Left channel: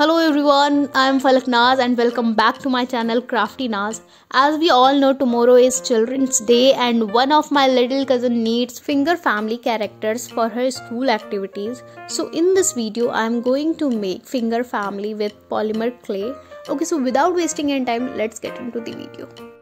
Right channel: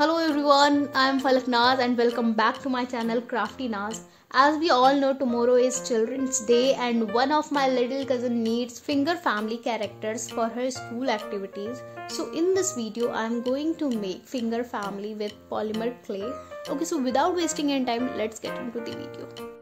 Hello everyone, I am Falak Naz and welcome back to my channel Crafty Naz. As we all know, tomorrow is Children's Day and one of my little cousin needs finger family characters for her school activities. So in this video, I am going to make finger family with polymer clay. Okay, so without wasting any time, let's get into the video.